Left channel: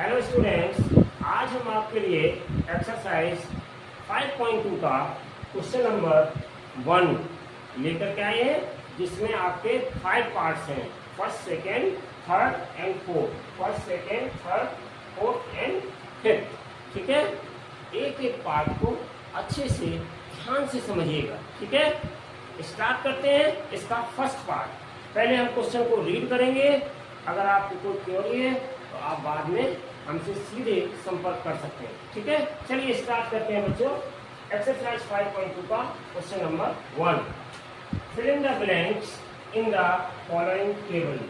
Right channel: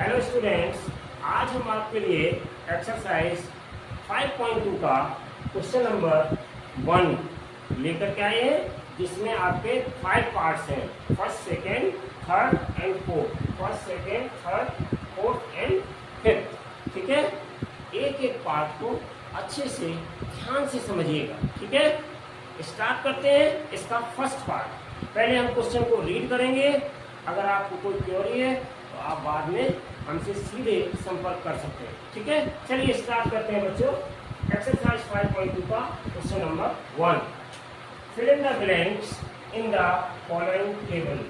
Hello students, आज हम आपके लिए एक्सरसाइज 5.2 का क्वेश्चन नंबर 1 लेकर के आए हैं, जिसमें आपके 5 पार्ट्स हैं। First, second, third and fourth. First, second, third, fourth and fifth. ठीक है, एक एक पार्ट को अच्छे से ध्यान से समझिएगा। ठीक है, स्टार्ट करते हैं इसका फर्स्ट पार्ट। पहले हम क्वेश्चन को रीड करेंगे। अगर आपको कोई क्वेरी है तो आप बाद में हमसे सीधे संपर्क कर सकते हैं। ठीक है, चलिए स्टार्ट करते हैं बच्चों। एक्सरसाइज 5.2 का question number 1। Fill in the blanks in the following table.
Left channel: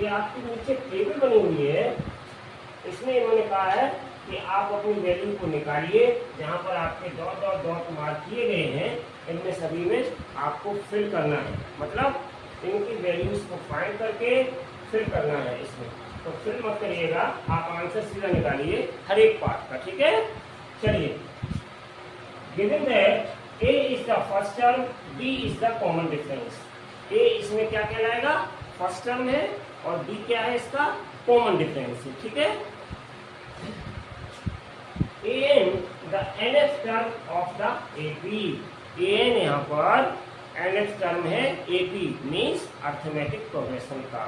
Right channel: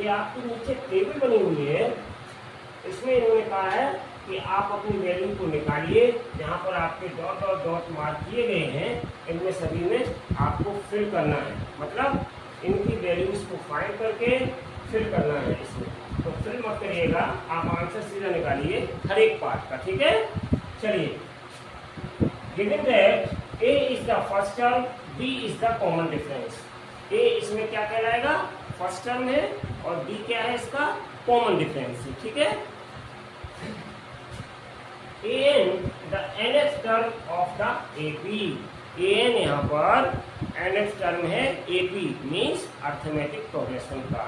ये आपके नीचे टेबल बनी हुई है, इसमें इन्होंने कहा है कि आप अपनी वैल्यू को निकालिए। जहाँ पर आपके डॉट डॉट डॉट मार्क किए गए हैं, इनमें सभी में आपको फिल करना है। मतलब इनकी वैल्यूज को फाइंड करके फिल करना है इसमें। तो फिल मत करिएगा, आप आंसर सीधा निकालिए हर एक पार्ट का। ठीक है, चलिए। Given that A is the first term, B is the common difference. A इसमें क्या कहलाएगा? फर्स्ट टर्म है, और बी क्या है? इसका कॉमन डिफरेंस है। ठीक है, an the nth term of the AP. an यहाँ पर nth टर्म है एपी, मीन्स अर्थमेटिक प्रोग्रेशन का।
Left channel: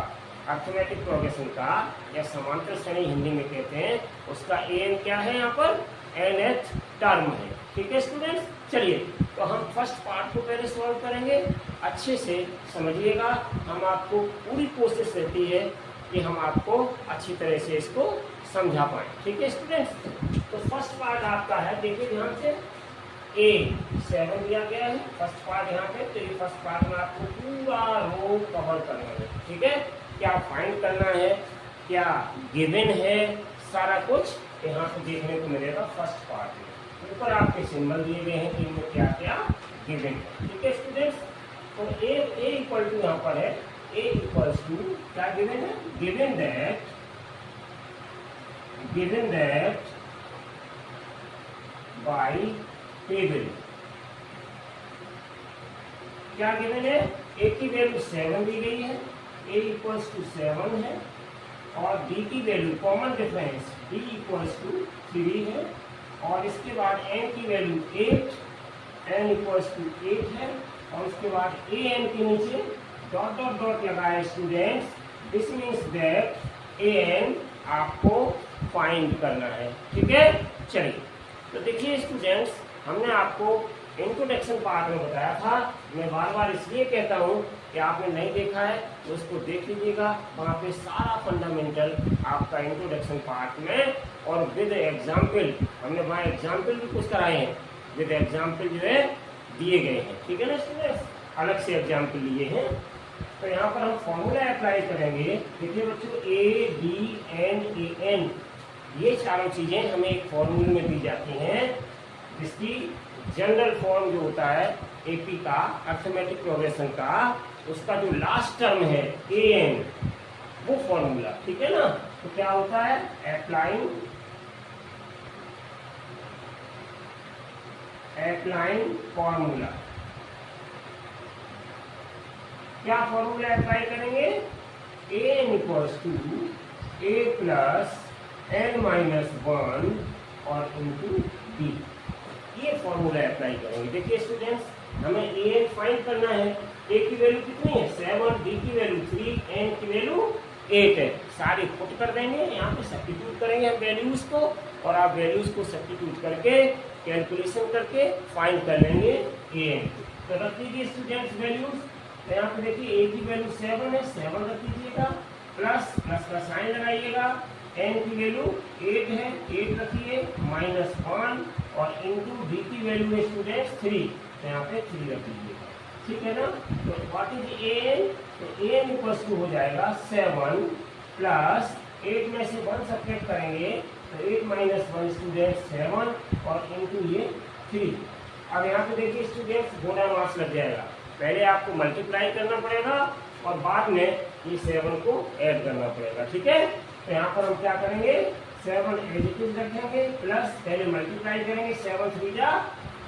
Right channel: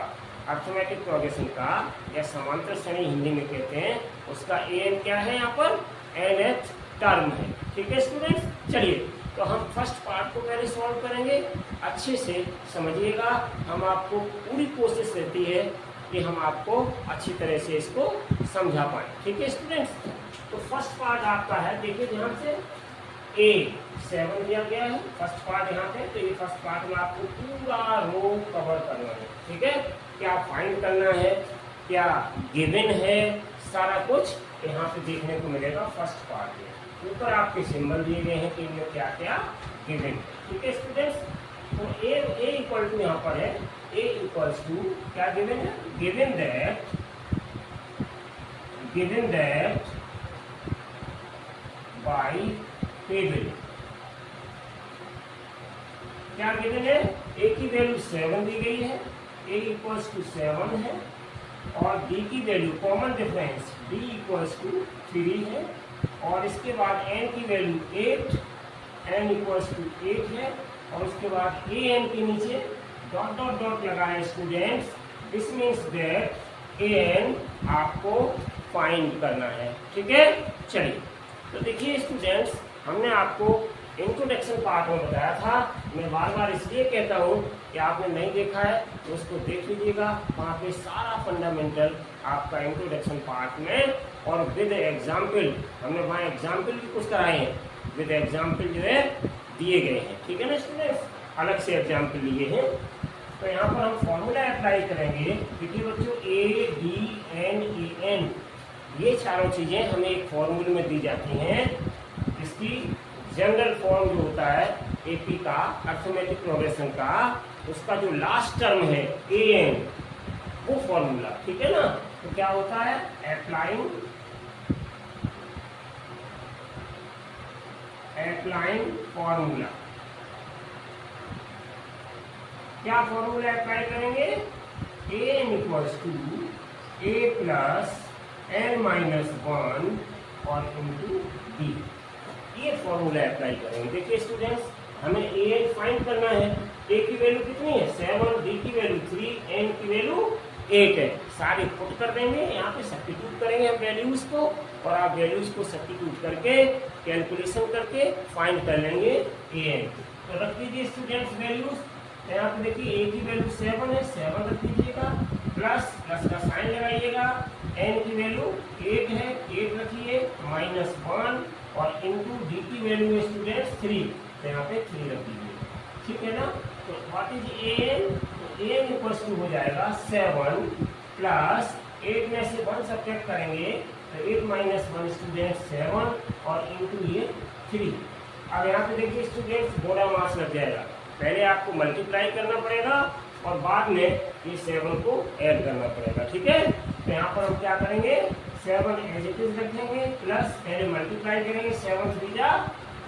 अर्थमेटिक प्रोग्रेशन का या समांतर श्रेणी हिंदी में कहते हैं, उसका an क्या है? यहाँ पर nth टर्म है। ठीक है स्टूडेंट्स, चलिए तो हम फर्स्ट पार्ट को पहले सॉल्व करेंगे। अच्छे से समझिएगा, हम आपको पूरी कोशिश रहती है कि हम आपको अच्छी तरह से इसको समझा पाए। ठीक है स्टूडेंट्स, तो फर्स्ट पार्ट आपका है, देखिए ध्यान से। A7 दिया गया है फर्स्ट पार्ट यहाँ पे। तो ये फर्स्ट पार्ट में आपको पूरा रो कवर करना है। ठीक है, क्या फाइंड करना है, क्या गिवन है, सारा कुछ यहाँ पे देखने को मिलेगा फर्स्ट पार्ट में। ऊपर आपके सिंबल दिए गए हैं कि इनमें क्या क्या गिवन है। ठीक है स्टूडेंट्स, तो ए इक्वल टू यहाँ पर है, A इक्वल्स टू क्या गिवन है? Given that bye table. क्या गिवन है? A की वैल्यू 7 दी गई है, A इक्वल्स टू 7 है, और B की value common difference D equals to 3 है, और इसके बाद N की वैल्यू 8, N इक्वल्स टू 8 है, और उसके बाद AN के नीचे डॉट डॉट डॉट लगाए students. This means that an आपको फाइंड करना है। ठीक है, चलिए तो देखिए स्टूडेंट्स, हमने आपको इंट्रोडक्शन पार्ट में बताया था। मैं बार बार इसलिए कहता हूँ कि आपने नहीं देखा है तो उसको देख लीजिएगा। वहाँ पे सारा फंडामेंटल आपका इंट्रोडक्शन पार्ट में, और विद एग्जाम्पल, हमने वहाँ एग्जाम्पल भी कुछ कराए हैं। विद एग्जाम्पल जो है दिए गए हैं। ठीक है ना स्टूडेंट्स, अलग से एग्जाम्पल लिए हैं। तो यहाँ पर हम फॉर्मूला अप्लाई करेंगे। देखिए बच्चों, A B and A N, ये चारों चीजें हमें एक फॉर्मूले में दी जाती हैं। इसकी जनरल फॉर्म जो होता है एपी का, अर्थमेटिक प्रोग्रेशन का, उसका जो लास्ट टर्म है ए एन, वो फॉर्मूला। ठीक है ना, तो क्या होता है? Applying formula. क्या फॉर्मूला अप्लाई करेंगे? A N equals to A plus N minus 1 और इंटू डी। ये फॉर्मूला अप्लाई करेंगे। देखिए स्टूडेंट्स, हमें ए एन फाइंड करना है। ए की वैल्यू कितनी है? 7, डी की वैल्यू 3, एन की वैल्यू 8 है। सारे पुट कर देंगे, यहाँ पे सब्स्टिट्यूट करेंगे हम वैल्यूज को, और आप वैल्यूज को सब्स्टिट्यूट करके कैलकुलेशन करके फाइंड कर लेंगे ए एन। तो रख दीजिए स्टूडेंट्स वैल्यूज। तो यहाँ पे देखिए ए की वैल्यू 7 है, 7 रख दीजिएगा, प्लस का साइन लगाइएगा। एन की वैल्यू 8 है, 8 रखिए, माइनस 1, और इंटू डी की वैल्यू है स्टूडेंट्स 3, तो यहाँ पे 3 रख दीजिए। ठीक है ना, तो व्हाट इज ए एन? तो ए एन इक्वल्स टू हो जाएगा 7 प्लस 8 में से 1 सब्ट्रैक्ट करेंगे, तो 8 माइनस 1 स्टूडेंट्स 7, और इंटू ये 3। अब यहाँ पे देखिए स्टूडेंट्स, बोरा मार्क्स लग जाएगा। पहले आपको मल्टीप्लाई करना पड़ेगा, और बाद में ये 7 को ऐड करना पड़ेगा। ठीक है, तो यहाँ पर हम क्या करेंगे? 7 एज इट इज रखेंगे, प्लस पहले मल्टीप्लाई करेंगे, 7 3 जा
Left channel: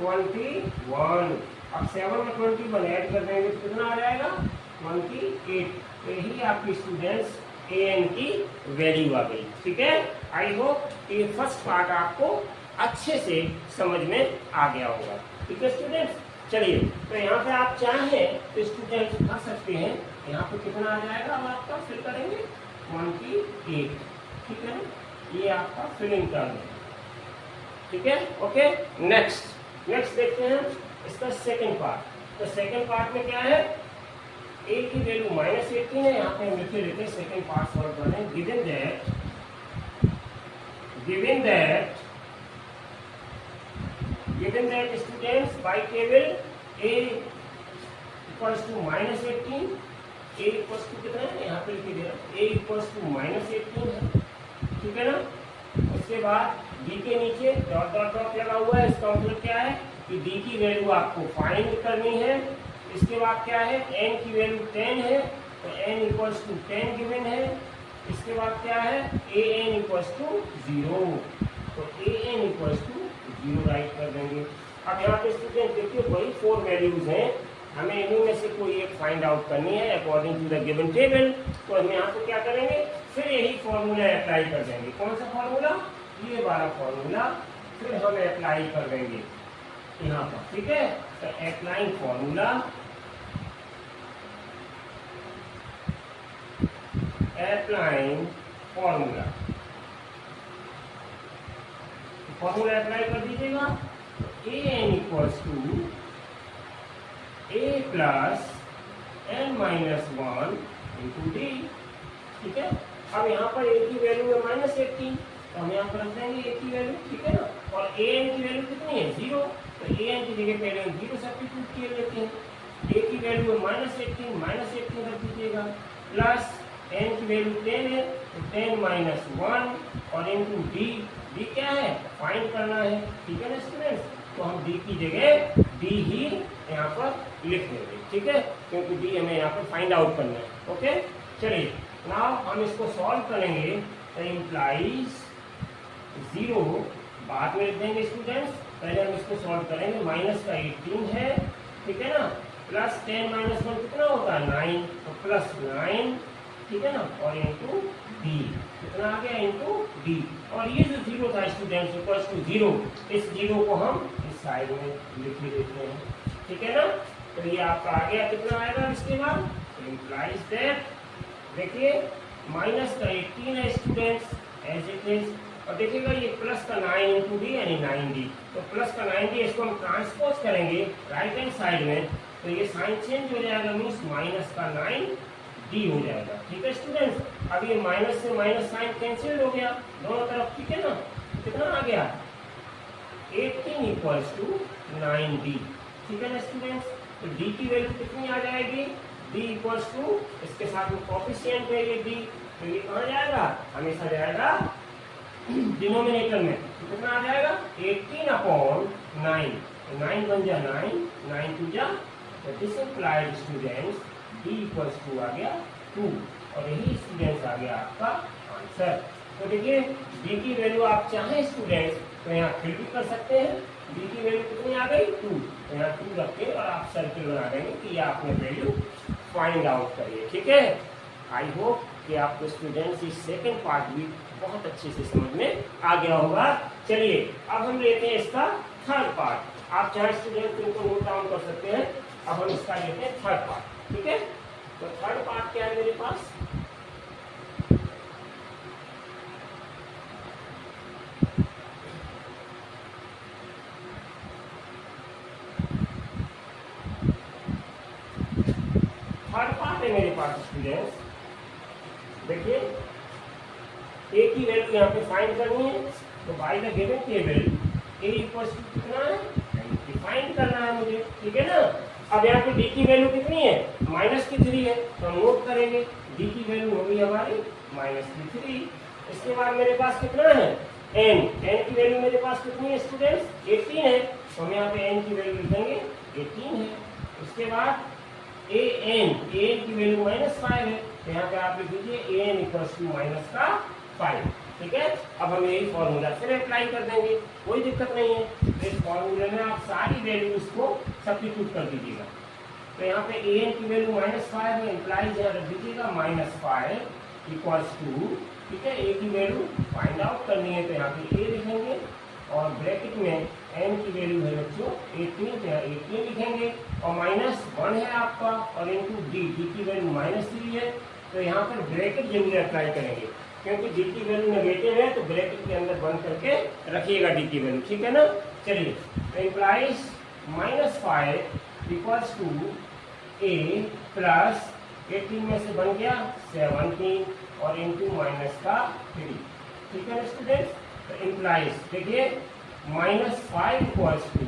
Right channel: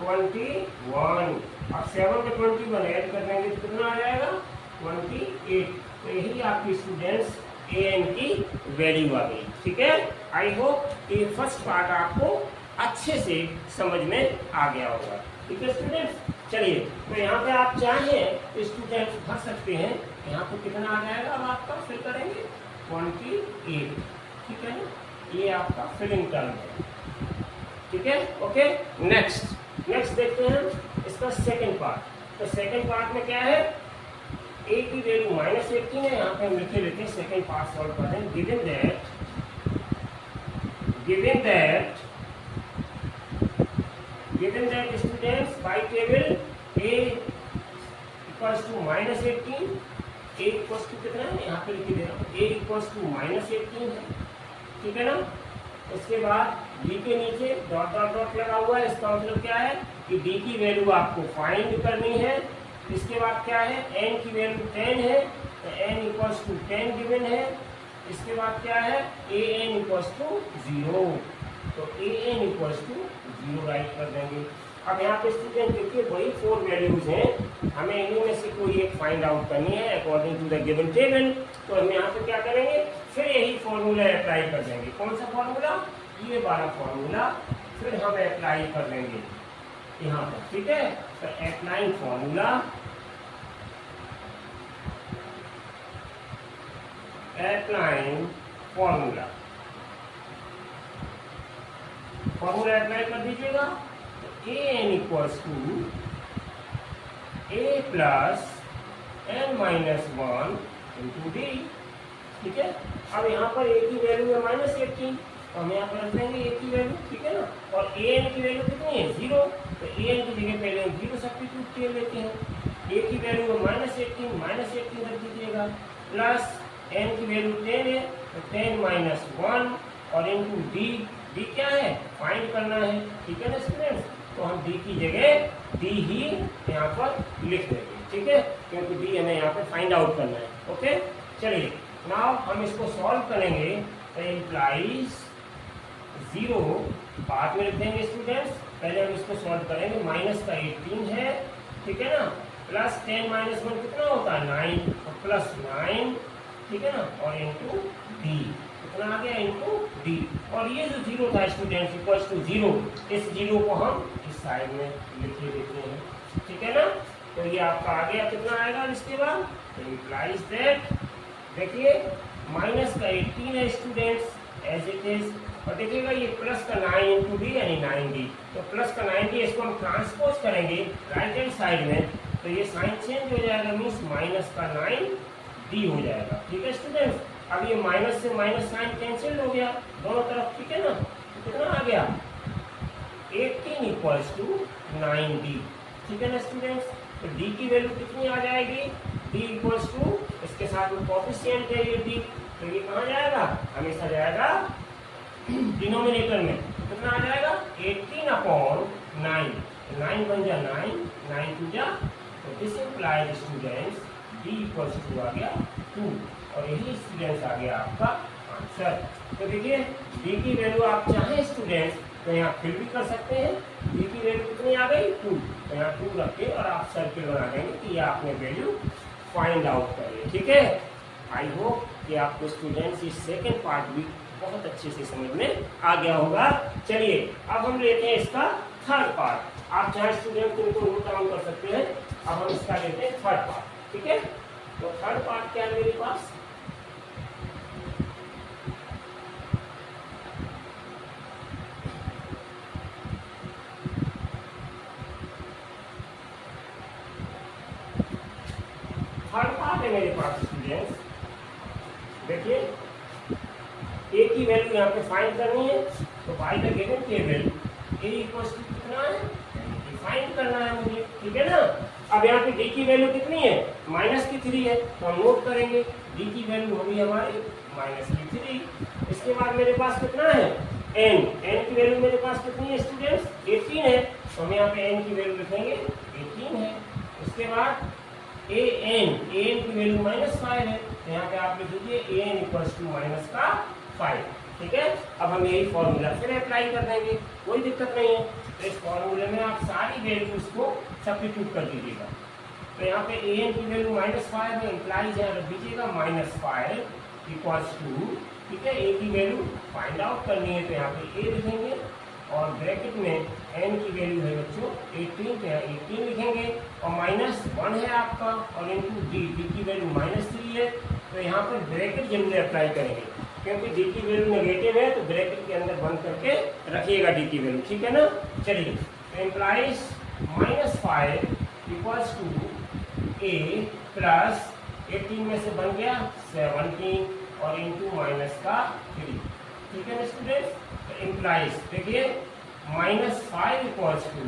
21। अब 7 में 21 ऐड कर देंगे तो कितना आ जाएगा? 28। तो यही आपकी स्टूडेंट्स ए एन की वैल्यू आ गई। ठीक है, आई होप कि फर्स्ट पार्ट आपको अच्छे से समझ में आ गया होगा। ठीक है स्टूडेंट्स, चलिए तो यहाँ पे आप चाहें तो स्टूडेंट्स भर सकते हैं। यहाँ पे कितना आ जाएगा, अब आपका फिल करेंगे 28। ठीक है ना, ये आपका फिल इन टर्म है। ठीक है, ओके। नेक्स्ट देखते हैं इसका सेकंड पार्ट। तो सेकंड पार्ट में क्या है, a की वैल्यू -18 है। यहाँ पे हम लिखे लेते हैं, सेकंड पार्ट सॉल्व कर रहे हैं। Given that students by table a equals to -18, a equals to कितना है, यहाँ पे लिख दे रहा हूँ, a इक्वल्स टू -18 है। ठीक है ना, उसके बाद d के नीचे डॉट डॉट डॉट लगा हुआ है। इसका मतलब क्या है कि d की वैल्यू आपको फाइंड करनी है। इसके बाद क्या है, n की वैल्यू 10 है, तो n इक्वल्स टू 10 गिवन है। इसके बाद क्या है, an इक्वल्स टू 0, तो an इक्वल्स टू 0 राइट कर देंगे। अब यहाँ पे स्टूडेंट देखिए वही 4 वैल्यूज हैं, हमें इन्हीं में से कोई एक फाइंड आउट करनी है according to the given table. तो हम यहाँ पे क्या करेंगे, फिर यही फॉर्मूला अप्लाई कर देंगे। कौन सा फॉर्मूला, ये वाला फॉर्मूला फिर हम अप्लाई कर देंगे यहाँ पर। ठीक है, तो अप्लाइंग फॉर्मूला अप्लाई कर दीजिएगा। an equals to a plus n minus 1 into D. ठीक है, अब यहाँ पर a की वैल्यू है -18, तो हम यहाँ पर रख देंगे a की वैल्यू। ठीक है ना, और an की वैल्यू कितनी है, 0, तो an की जगह पहले 0 सब्स्टिट्यूट कर लेते हैं। a की वैल्यू है -18 रख दीजिएगा, प्लस n की वैल्यू 10 है, तो 10 माइनस 1 और इंटू डी क्या है, फाइंड करना है। ठीक है ना स्टूडेंट्स, तो हम d की जगह d ही यहाँ पर लिख देंगे। ठीक है, क्योंकि d हमें यहाँ पर फाइंड आउट करना है। ओके, चलिए नाउ हम इसको सॉल्व करेंगे। तो इम्प्लाइज 0 बाद में लिख देंगे स्टूडेंट्स, पहले हम इसको सॉल्व करेंगे। माइनस का 18 है, ठीक है ना, प्लस 10 माइनस 1 कितना होता है, 9, तो प्लस 9, ठीक है ना, और इंटू डी कितना आ गया, इंटू डी। और ये जो 0 था स्टूडेंट्स इक्वल्स टू 0, इस 0 को हम इस साइड में लिख लेते हैं। ठीक है ना, तो ये आपका आ गया, कितना आएगा इसके बाद, तो इम्प्लाइज दैट, देखिए माइनस का 18 है स्टूडेंट्स एज इट इज, और देखिएगा ये प्लस का 9 इंटू डी यानी 9d, तो प्लस का 9d इसको हम ट्रांसपोज करेंगे राइट हैंड साइड में, तो ये साइन चेंज हो जाएगा, मीन्स माइनस का 9d हो जाएगा। ठीक है स्टूडेंट्स, अब ये माइनस से माइनस साइन कैंसिल हो गया दोनों तरफ। ठीक है ना, कितना आ गया, 18 इक्वल्स टू 9d। ठीक है ना स्टूडेंट्स, तो d की वैल्यू कितनी आ जाएगी, d इक्वल्स टू, इसके साथ में कोफिशिएंट है ये d, तो ये कहाँ जाएगा, हमेशा जाएगा डिनोमिनेटर में। तो कितना आ जाएगा, 18/9, 9 बन जा 9, 9 टू जा, तो this implied students d equals to आ गया 2, और यही स्टूडेंट्स आ गया आपका आंसर। तो देखिए d की वैल्यू आप चाहें स्टूडेंट्स तो यहाँ फिर भी कर सकते हैं। d की वैल्यू कितनी आ गई, 2, तो यहाँ 2 रख के और आप सर्किल बना देंगे कि ये आपने वैल्यू फाइंड आउट करिए। ठीक है, आई होप कि आपको स्टूडेंट्स इस सेकेंड पार्ट भी बहुत अच्छे से समझ में आ गया होगा। चलिए अब हम लेते हैं इसका थर्ड पार्ट। आप चाहे स्टूडेंट को इनको नोट डाउन कर सकते हैं। अब हम इसका लेते हैं थर्ड पार्ट। ठीक है, तो थर्ड पार्ट क्या है मेरे पास, थर्ड पार्ट है मेरे पास स्टूडेंट्स। देखिए a की वैल्यू यहाँ पे फाइंड करनी है, तो by the given table a equals to कितना है, फाइंड करना है मुझे। ठीक है ना, अब यहाँ पे d की वैल्यू कितनी है, -3 है, तो हम नोट करेंगे d की वैल्यू होगी हमारी -3। इसके बाद मेरे पास कितना है, n की वैल्यू मेरे पास कितनी है स्टूडेंट्स, 18 है, तो हम यहाँ पे n की वैल्यू लिखेंगे 18 है। उसके बाद an की वैल्यू -5 है, तो यहाँ पे आप लिख दीजिए an इक्वल्स टू -5। ठीक है, अब हम यही फॉर्मूला फिर अप्लाई कर देंगे, कोई दिक्कत नहीं है। तो इस फॉर्मूले में आप सारी वैल्यूज को सब्स्टिट्यूट कर दीजिएगा। तो यहाँ पे an की वैल्यू -5 है, इम्प्लाइज यहाँ रख दीजिएगा -5 इक्वल्स टू ठीक है, ए की वैल्यू फाइंड आउट करनी है तो यहाँ पे ए लिखेंगे और ब्रैकेट में एन की वैल्यू है बच्चों 18, तो यहाँ 18 लिखेंगे और -1 है आपका और इनटू डी की वैल्यू -3 है, तो यहाँ पर ब्रैकेट जरूर अप्लाई करेंगे क्योंकि डी की वैल्यू नेगेटिव है, तो ब्रैकेट के अंदर बंद करके रखिएगा डी की वैल्यू, ठीक है ना। चलिए, तो implies -5 equals to A plus 18 में से बन गया 17 और इंटू -3, ठीक है ना स्टूडेंट। तो इम्प्लाइज देखिए -5 इक्वल्स टू,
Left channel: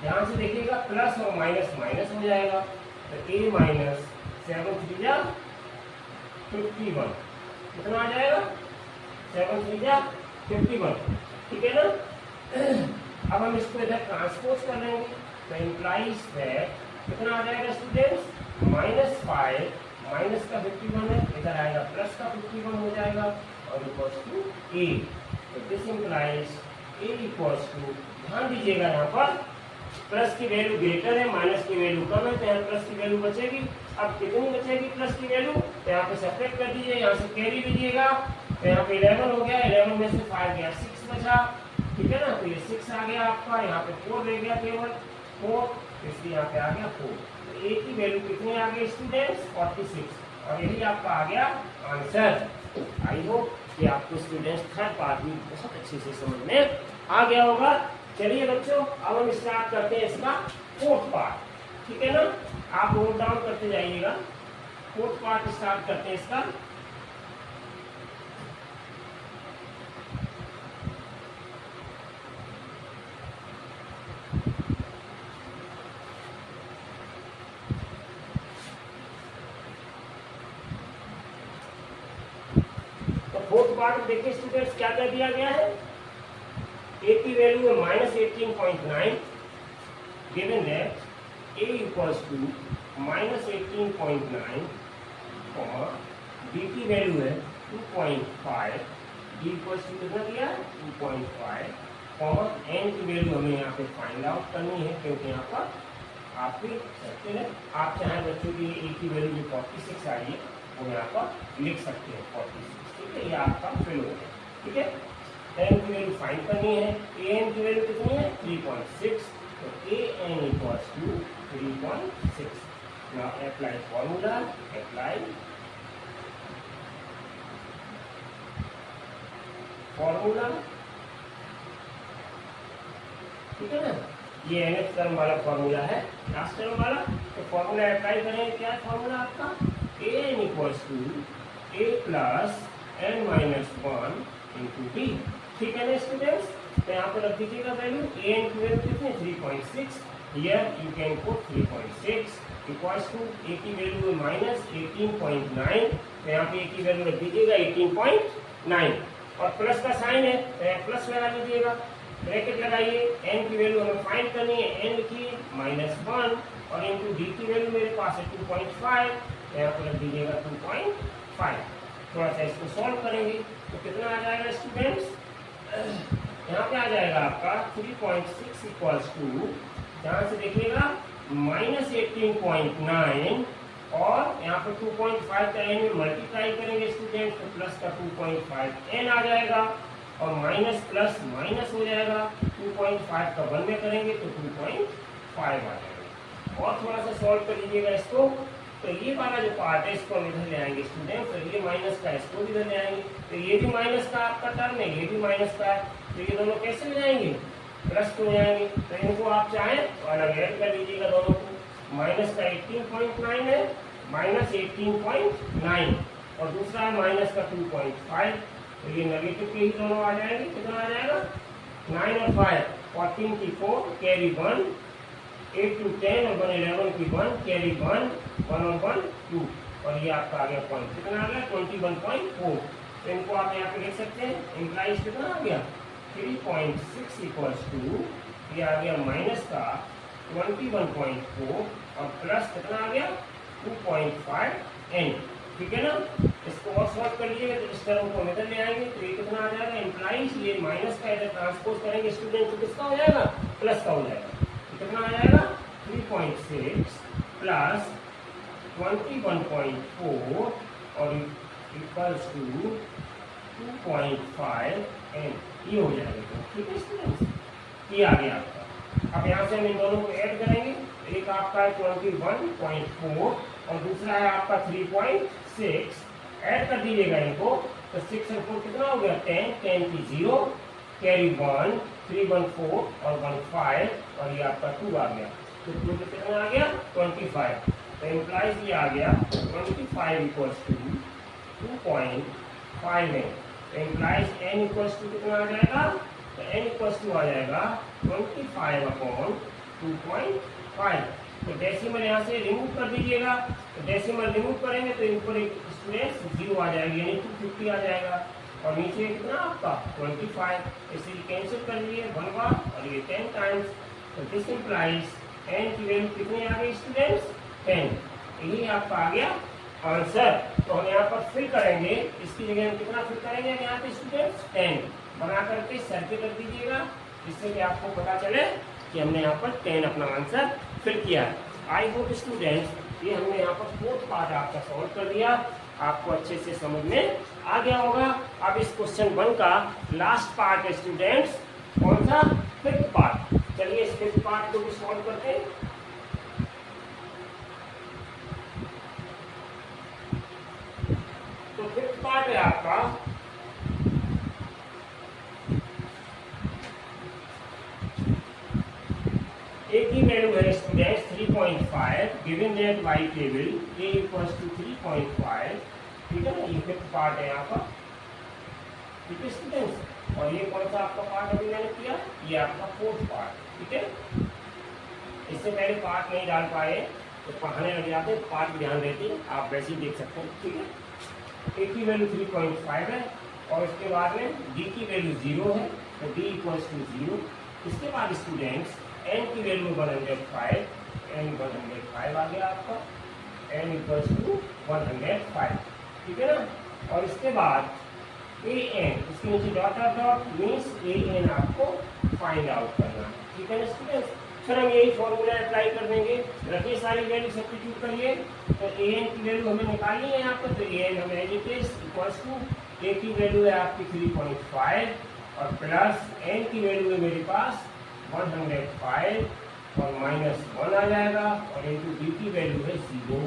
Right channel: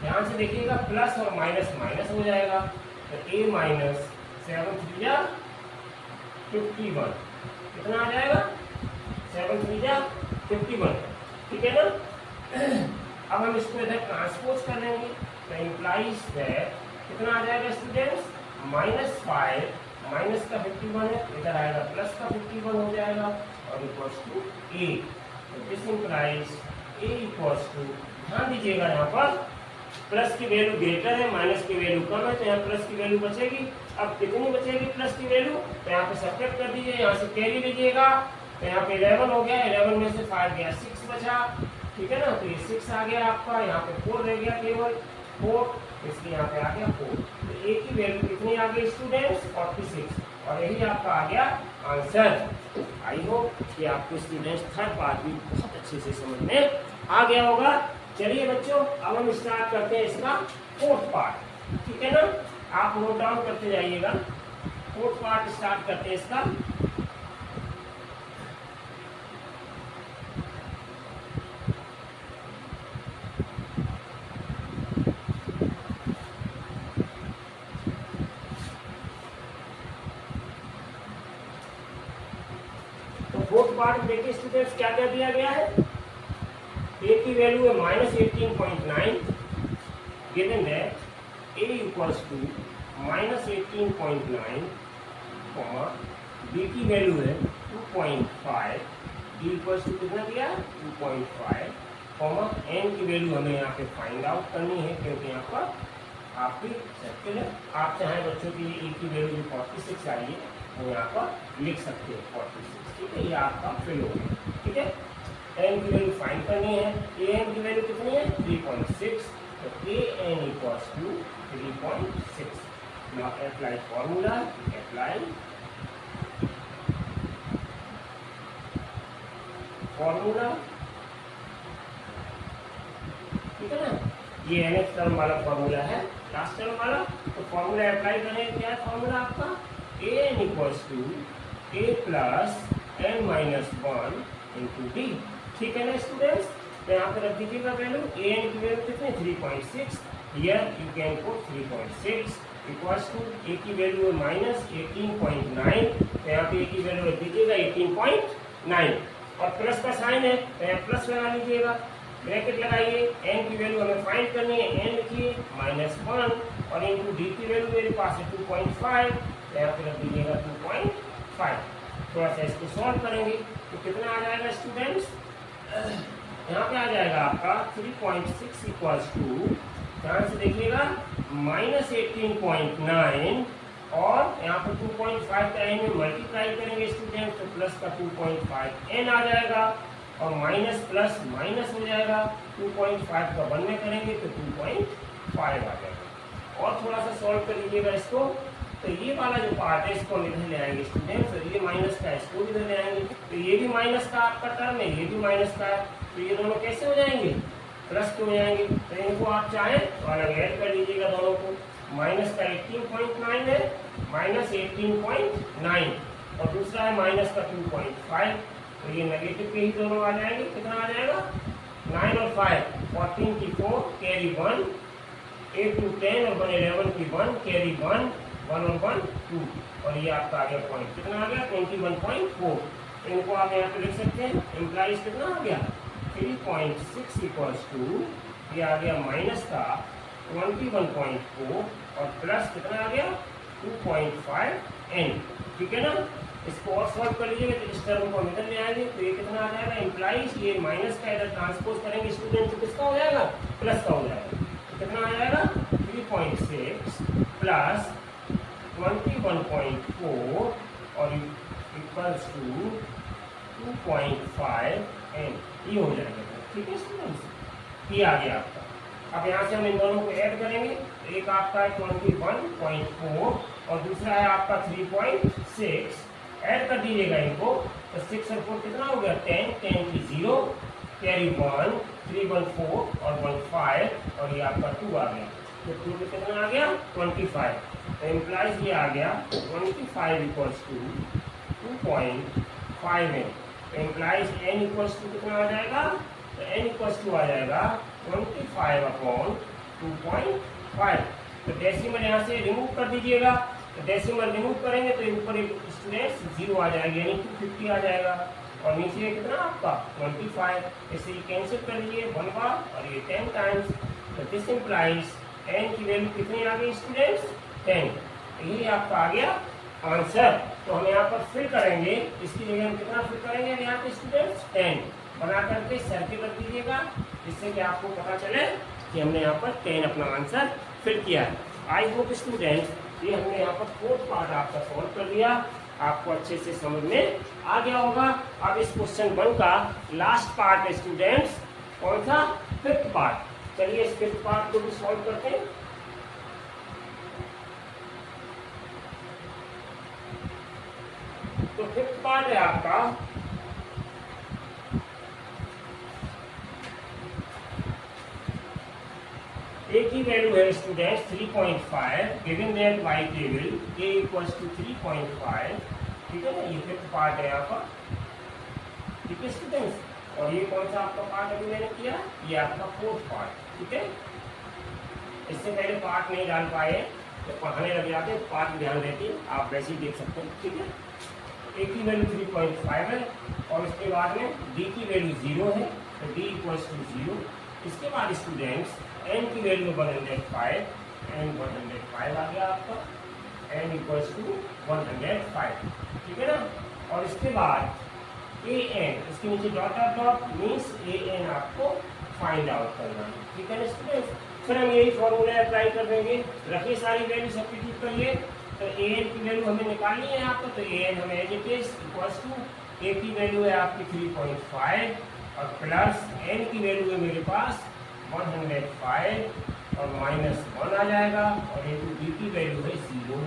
ध्यान से देखिएगा प्लस और माइनस माइनस हो जाएगा, तो a माइनस 7 3 51, कितना आ जाएगा 7 3 51, ठीक है ना। अब हम इसको इधर ट्रांसपोज कर लेंगे, तो इम्प्लाइज दैट कितना आ जाएगा स्टूडेंट्स -5 माइनस का 51 है, इधर आएगा प्लस का 51 हो जाएगा और इक्वल्स टू a, तो this implies a equals to, ध्यान दीजिएगा यहाँ पर प्लस की वैल्यू ग्रेटर है, माइनस की वैल्यू कम है, तो यहाँ प्लस की वैल्यू बचेगी। अब कितनी बचेगी प्लस की वैल्यू, तो यहाँ पे सेपरेट कर दीजिए, यहाँ से कैरी लीजिएगा, तो यहाँ पे 11 हो गया, 11 में से 5 गया 6 बचा, ठीक है ना। तो ये 6 आ गया आपका, यहाँ पे 4 रह गया केवल 4, इसलिए यहाँ पे आ गया 4। तो a की वैल्यू कितनी आ गई स्टूडेंट्स 46, और यही आपका आ गया आंसर। आई होप कि आपको स्टूडेंट्स थर्ड पार्ट भी बहुत अच्छे से समझ में आ गया होगा। चलिए बच्चों, अब हम स्टार्ट करते हैं इसका फोर्थ पार्ट, ठीक है ना। आप नोट डाउन करते जाइएगा, फोर्थ पार्ट स्टार्ट करते हैं इसका। फोर्थ पार्ट देखिए स्टूडेंट्स क्या क्या दिया गया है। a की वैल्यू है -18.9, given that a equals to -18.9, b की वैल्यू है 2.5, d इक्वल्स टू कितना दिया है 2.5, n की वैल्यू हमें यहाँ पे फाइंड आउट करनी है क्योंकि यहाँ पर आपकी सर्किल है। आप चाहे बच्चों की a की वैल्यू 46 आई है वो यहाँ पर लिख सकते हैं 46, ठीक है, ये आपका फिल हो गया, ठीक है। n की वैल्यू फाइंड करनी है, an की वैल्यू कितनी है 3.6, तो an equals to 3.6। Now apply formula, apply formula, ठीक है ना। ये nth टर्म वाला फॉर्मूला है, लास्ट टर्म वाला, तो फॉर्मूला अप्लाई करें। क्या फॉर्मूला आपका an equals to a plus n minus 1 into D, ठीक है ना स्टूडेंट्स। तो यहाँ पर रख दीजिएगा वैल्यू, an की वैल्यू कितनी 3.6, here you can put 3.6 equals to a की वैल्यू -18.9, तो यहाँ पे a की वैल्यू रख दीजिएगा 18.9 और प्लस का साइन है तो यहाँ प्लस लगा लीजिएगा, ब्रैकेट लगाइए। n की वैल्यू हमें फाइंड करनी है, n लिखिए -1 और इंटू डी की वैल्यू मेरे पास है 2.5, तो यहाँ पे रख दीजिएगा 2.5। थोड़ा सा इसको सॉल्व करेंगे तो कितना आ जाएगा स्टूडेंट्स, यहाँ पे आ जाएगा आपका 3.6 इक्वल्स टू, ध्यान से देखिएगा -18.9 और यहाँ पर 2.5 का n में मल्टीप्लाई करेंगे स्टूडेंट, तो प्लस का 2.5 n आ जाएगा और माइनस प्लस माइनस हो जाएगा, 2.5 का 1 में करेंगे तो 2.5 आ जाएगा। और थोड़ा सा सॉल्व कर लीजिएगा इसको, तो ये वाला जो पार्ट है इसको हम इधर ले आएंगे स्टूडेंट्स, तो ये माइनस का इसको भी इधर ले आएंगे, तो ये भी माइनस का आपका टर्म है, ये भी माइनस का है, तो ये दोनों कैसे हो जाएंगे प्लस हो जाएंगे। तो इनको आप चाहें तो अलग ऐड कर लीजिएगा दोनों को, माइनस का 18.9 है -18.9 और दूसरा है माइनस का 2.5, तो ये नेगेटिव के ही दोनों आ जाएंगे। कितना आ जाएगा 9 और 5 14 की 4 कैरी 1, 8 to 10 और 11 की 1 कैरी 1 और 1 2 और ये आपका आ गया पॉइंट, कितना आ गया 21.4। तो इनको आप यहाँ पे लिख सकते हैं, इम्प्लाइज कितना आ गया 3.6 इक्वल्स टू, ये आ गया माइनस का 21.4 और प्लस कितना आ गया 2.5 n, ठीक है ना। इसको और सॉल्व कर लीजिएगा तो इस टर्म को हम इधर ले आएंगे, तो ये कितना आ जाएगा इम्प्लाइज, ये माइनस का इधर ट्रांसपोज करेंगे स्टूडेंट तो किसका हो जाएगा प्लस का हो जाएगा, तो कितना आ जाएगा 3.6 प्लस 21.4 और इक्वल्स टू 2.5 n, ये हो जाएगा। ठीक है स्टूडेंट्स, ये आ गया आपका। अब यहाँ से हम इन दोनों को ऐड करेंगे, एक आपका है 21.4 और दूसरा है आपका 3.6। ऐड कर दीजिएगा इनको, तो 6 और 4 कितना हो गया 10, 10 की 0, कैरी 1, 3 1 4 और 1 5 और ये आपका 2 आ गया। तो 2 में कितना आ गया 25। तो इम्प्लाइज ये आ गया 25 इक्वल्स टू 2.5 n। तो इम्प्लाइज n इक्वल्स टू कितना आ जाएगा, तो n इक्वल्स टू आ जाएगा 25/2.5। तो डेसिमल यहाँ से रिमूव कर दीजिएगा, तो डेसिमल रिमूव करेंगे तो ऊपर एक स्टूडेंट्स 0 आ जाएगी, यानी 250 आ जाएगा और नीचे कितना आपका 25। इसे कैंसिल कर लिए 1 बार और ये 10 टाइम्स। तो दिस इम्प्लाइज n की वैल्यू कितनी आ गई स्टूडेंट्स 10। यही आपका आ गया आंसर। तो हम यहाँ पर फिल करेंगे, इसकी जगह हम कितना फिल करेंगे यहाँ पे स्टूडेंट्स 10 बना करके सर्किल कर दीजिएगा, जिससे कि आपको पता चले कि हमने यहाँ पर 10 अपना आंसर फिल किया है। आई होप स्टूडेंट्स ये हमने यहाँ पर 4th पार्ट आपका सॉल्व कर दिया, आपको अच्छे से समझ में आ गया होगा। अब इस क्वेश्चन 1 का लास्ट पार्ट है स्टूडेंट्स, कौन सा 5th पार्ट। चलिए इस 5th पार्ट को भी सॉल्व करते हैं। तो 5th पार्ट है आपका एक ही वैल्यू है students 3.5, given that Y table a equals to 3.5। ठीक है ना, ये 5th पार्ट है यहाँ पर। ठीक है स्टूडेंट्स, और ये कौन सा आपका पार्ट अभी मैंने किया, ये आपका 4th पार्ट। ठीक है, इससे पहले पार्ट नहीं डाल पाए तो पढ़ाने लग जाते, पार्ट ध्यान देते, आप वैसे ही देख सकते हैं। ठीक है, एक की वैल्यू 3.5 है और इसके बाद में d की वैल्यू 0 है, तो d इक्वल्स टू 0। इसके बाद स्टूडेंट्स n की वैल्यू 105, n 105 आ गया आपका, n इक्वल्स टू 105। ठीक है ना, और इसके बाद an, इसके नीचे डॉट डॉट मीन्स an आपको फाइंड आउट करना है। ठीक है ना स्टूडेंट्स, सर हम यही फॉर्मूला अप्लाई कर देंगे, रखिए सारी वैल्यू सब्स्टिट्यूट करिए। तो an की वैल्यू हमें निकालनी है यहाँ पर, तो an हमें as it is equals to a की वैल्यू है आपकी 3.5 और प्लस n की वैल्यू है मेरे पास 105 और -1 आ जाएगा और इंटू डी की वैल्यू है 0।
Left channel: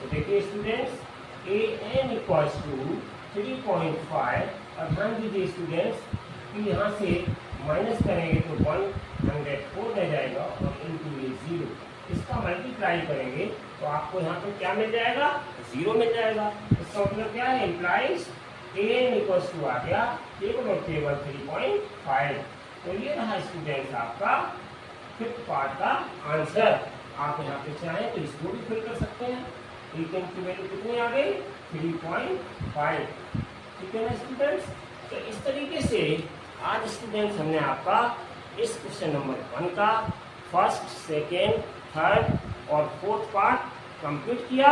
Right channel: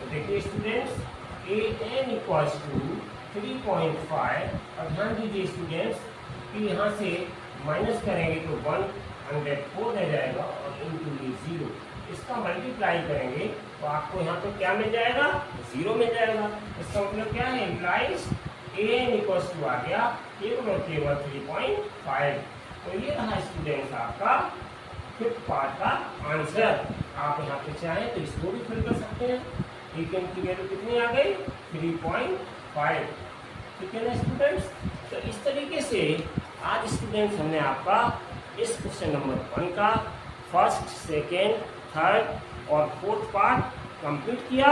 तो देखिए स्टूडेंट्स an इक्वल्स टू 3.5 और ध्यान दीजिए स्टूडेंट्स कि यहाँ से माइनस करेंगे तो 104 रह जाएगा और इंटू ये 0, इसका मल्टीप्लाई करेंगे तो आपको यहाँ पर क्या मिल जाएगा 0 मिल जाएगा। इसका मतलब क्या है, इम्प्लाइज an इक्वल्स टू आ गया केवल और केवल 3.5। तो ये रहा स्टूडेंट्स आपका 5th पार्ट का आंसर। आप यहाँ पे चाहें तो इसको भी फिल कर सकते हैं। an की वैल्यू कितनी आ गई 3.5। ठीक है ना स्टूडेंट्स, तो इस तरीके से आज स्टूडेंट्स हमने आपका इस क्वेश्चन नंबर 1 का 1st, 2nd, 3rd और 4th पार्ट कंप्लीट किया।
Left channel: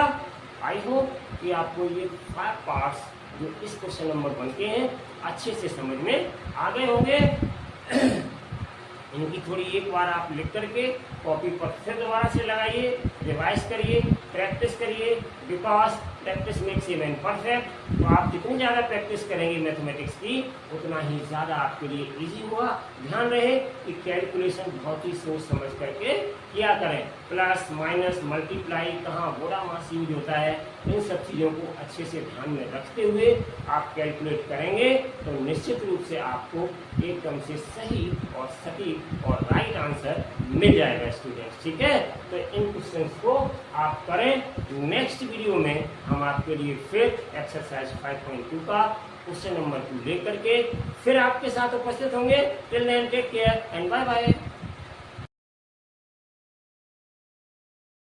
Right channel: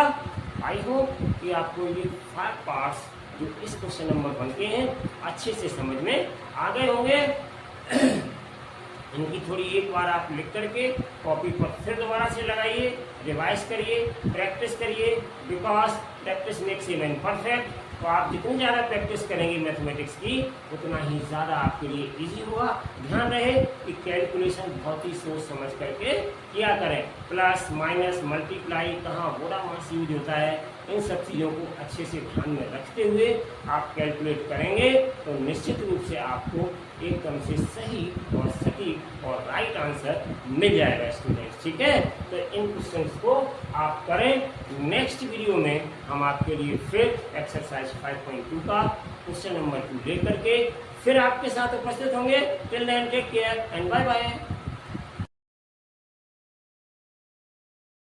आई होप कि आपको ये 5 पार्ट्स जो इस क्वेश्चन नंबर 1 के हैं अच्छे से समझ में आ गए होंगे। इनकी थोड़ी एक बार आप लिख करके कॉपी पर फिर दोबारा से लगाइए, रिवाइज करिए, प्रैक्टिस करिए, because practice makes a man perfect. तो आप जितनी ज़्यादा प्रैक्टिस करेंगे मैथमेटिक्स की उतना ही ज़्यादा आपके लिए इजी होगा। ध्यान रहे कि कैलकुलेशन बहुत ही सोच समझ करके किया करें, प्लस माइनस मल्टीप्लाई कहाँ बोरा मास यूज होता है, इन सब चीज़ों को अच्छे से ध्यान में रखते हुए आप कैलकुलेट करेंगे तो निश्चित रूप से आपको एकदम से सही और सटीक और राइट आंसर मिल जाएगा स्टूडेंट्स। ठीक है, तो इन क्वेश्चंस को आप करें। नेक्स्ट वीडियो में हम आपके लिए फिर एक्सरसाइज 5.2 का क्वेश्चन नंबर 2 लेकर के फिर आपके साथ उपस्थित होंगे। Till then take care and bye bye.